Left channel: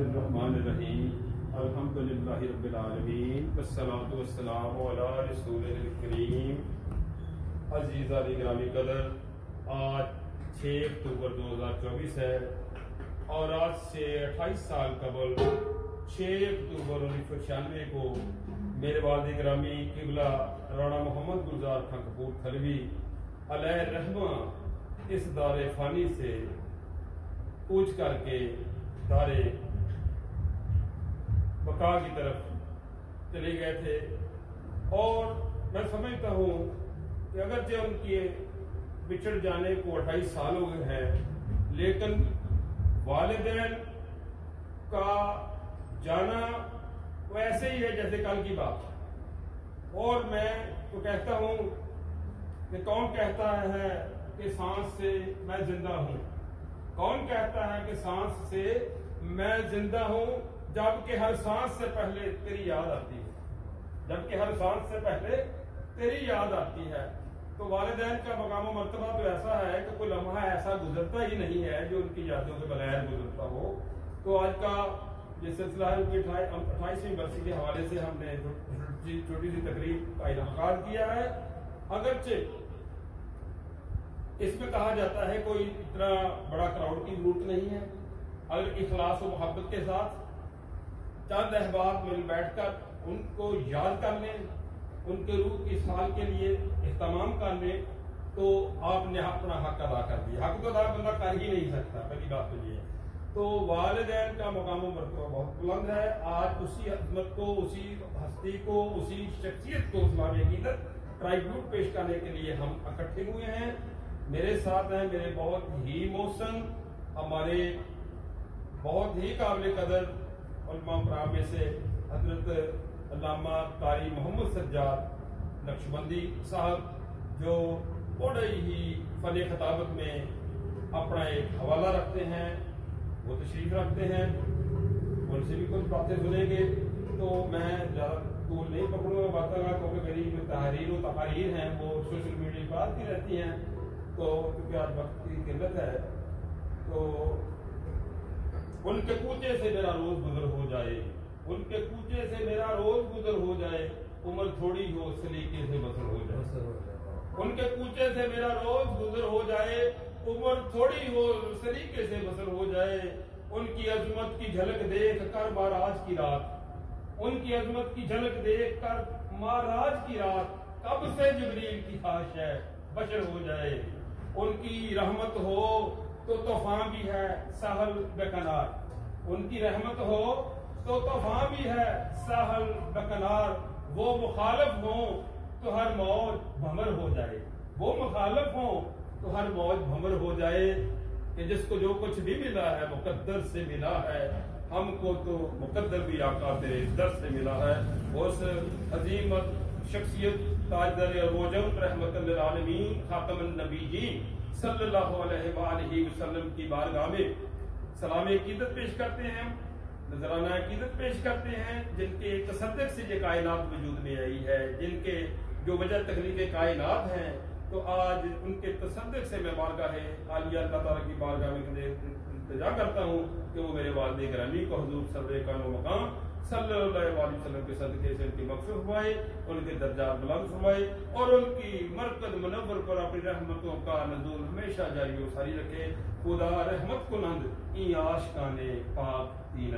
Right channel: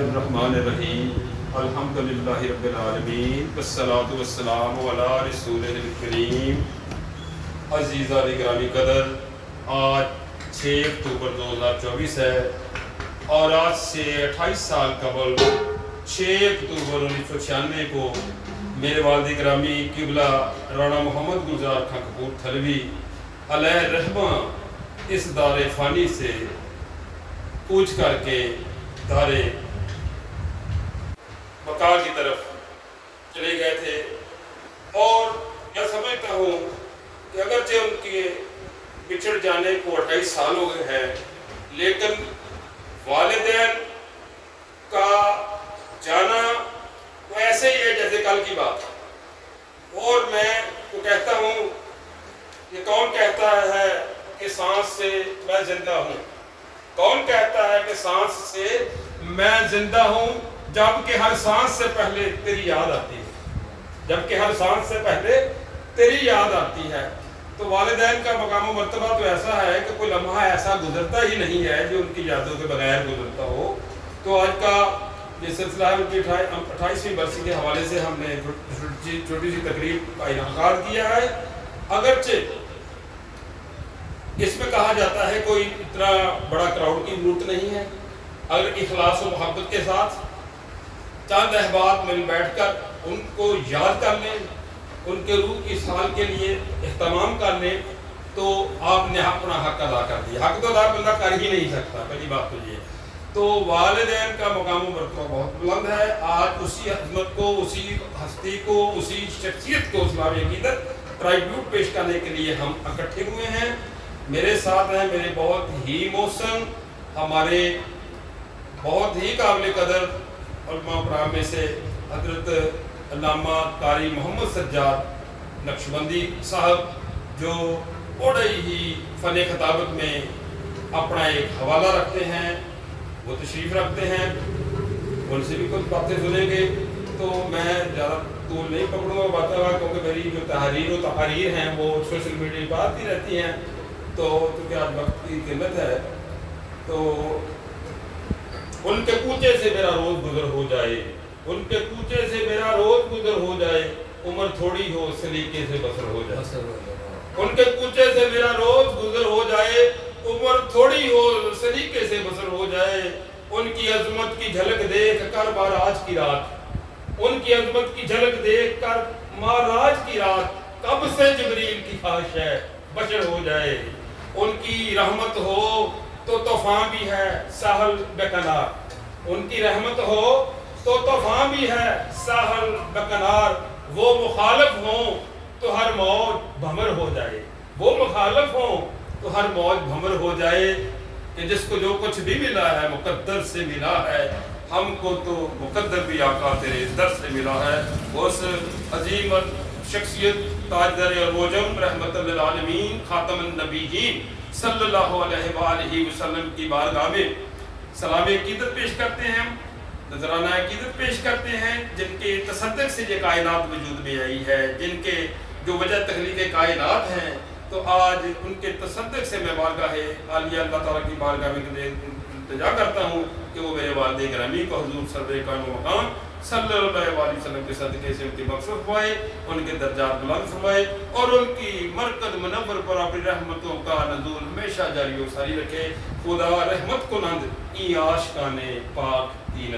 الرحمن الرحیم الحمدللہ رب العالمین والصلاة والسلام علی رسولہ الکریم۔ عزیزان گرامی قدر، آج 6 اکتوبر 2024 ہے اور آج سے 28 سال قبل 6 اکتوبر 1996 کو میرے والد گرامی قبلہ رانا محمد گلزار خان کپورتھلوی علیہ رحمہ اس دار فانی سے کوچ کر کے دار بقا کی طرف چلے گئے تھے، اور میں سمجھتا ہوں کہ اگرچہ ان کے بچھڑ جانے کو 28 سال ہو گئے ہیں، لیکن والدین کا جانا وہ ایسے ہی ہے جیسے کل کی بات۔ اور میں تو کہتا ہوں کہ کون کہتا ہے کہ سانس سے میں زندہ ہوں؟ کون کہتا ہے کہ سانس سے میں زندہ ہوں جبکہ ہر سانس سے پہلے تیری یاد آتی ہے، جبکہ ہر سانس سے پہلے تیری یاد آتی ہے۔ تو والدین کا مقام و مرتبہ تو ایسا ہے کہ کوئی لمحہ ایسا گزرتا ہی نہیں ہے جو ان کی یادوں کے بغیر گزرتا ہو۔ تو آج کا یہ سلسلہ ہے، ان کی 28ویں برسی کے حوالے سے ہم نے چھوٹی سی تقریب کا انعقاد کیا ہے۔ اگرچہ اس میں کہا جاتا ہے کوئی اتنا بڑا کراؤڈ کی ضرورت نہیں ہے، اگر اخلاص و محبت کے ساتھ چند احباب مل بیٹھ کر ان کو یاد کر لیں، ان کے روح کی سال کے لیے اہتمام کر لیں، تو آپ نے اپنا حق ادا کر دیا۔ حق تو ادا بندہ کر ہی نہیں سکتا، پہلی بات تو یہ۔ تو والدین کا مقام و مرتبہ بہت بلند ہے۔ آج اسی عظمت کو، اسی ہستی کو، اسی شخصیت کو اسلامی عقیدت ٹرائیبیوٹ پیش کرنے کے لیے ہم اکٹھے ہوئے ہیں۔ میرے ساتھ ہیں میرے بہت ہی محسن، ہمارے بہت ہی قابل قدر علماء کرام میں سے حضرت علامہ قاری محمد سجاد نقشبندی صاحب، جو بڑے ہی فن خطابت میں اپنا ایک حوالہ رکھتے ہیں، وہ تشریف رکھتے ہیں، ان سے بھی کچھ باتیں سنیں گے۔ تو میں زیادہ طول نہیں پکڑوں گا باتیں گا، کیونکہ میری جو تحریر و تقاریر ہیں وہ سوشل میڈیا پر آتی رہتی ہیں، تو کیونکہ آج وقت کی قلت ہے، تو ان کے کوچے سے میرا روز گزر ہو جائے، ان کے کوچے سے میرا روز گزر ہو جائے، عمر تھوڑی ہو سلیقے سے بسر ہو جائے۔ ان کے کوچے سے میرا روز گزر ہو جائے، عمر تھوڑی ہو سلیقے سے بسر ہو جائے۔ ان کی عظمت کی جھلک دیکھ کر معراج کی رات، ان کی عظمت کی جھلک دیکھ کر معراج کی رات، کب سے جبریل کی خواہش ہے بشر ہو جائے۔ ان کی رحمت ہو تو طوفان بھی ہے ساحل بکنار، ان کی رحمت ہو تو طوفان بھی ہے ساحل بکنار۔ وہ مخالف ہوں تو ہر موج بھمر ہو جائے، وہ مخالف ہوں تو ہر موج بھمر ہو جائے۔ کہ جس کو جو کچھ بھی ملا ہے مقدر سے ملا ہے، ہم کو تو مقدر بھی آقا تیرے در سے ملا ہے۔ اس عظیم شخصیت تاجدار عروجم رحمت للعالمین خاتم النبیین صلی اللہ علیہ وآلہ وسلم کی بارگاہ میں سلام عقیدت پیش کرتے ہیں، نذرانہ عقیدت پیش کرتے ہیں، جن کے تصدق سے یہ کائنات وجود میں آئی ہے، جن کے جو وجہ تخلیق کائنات ہیں۔ تو آج ان کے تصدق سے میں بارگاہ عالیہ اللہ تعالیٰ کی بارگاہ میں التجا کرتا ہوں کہ وہ میرے والد گرامی کو حضور سرور کان و مقام صلی اللہ علیہ وسلم کے صدقے سے ان کی مغفرت فرمائے، ان کے درجات بلند فرمائے، اور ان کی مرکز منور پر اپنی رحمتوں کا نزول ہمیشہ جاری و ساری رکھے۔ خدا رحمت کو نند ای عاشقان پاک دین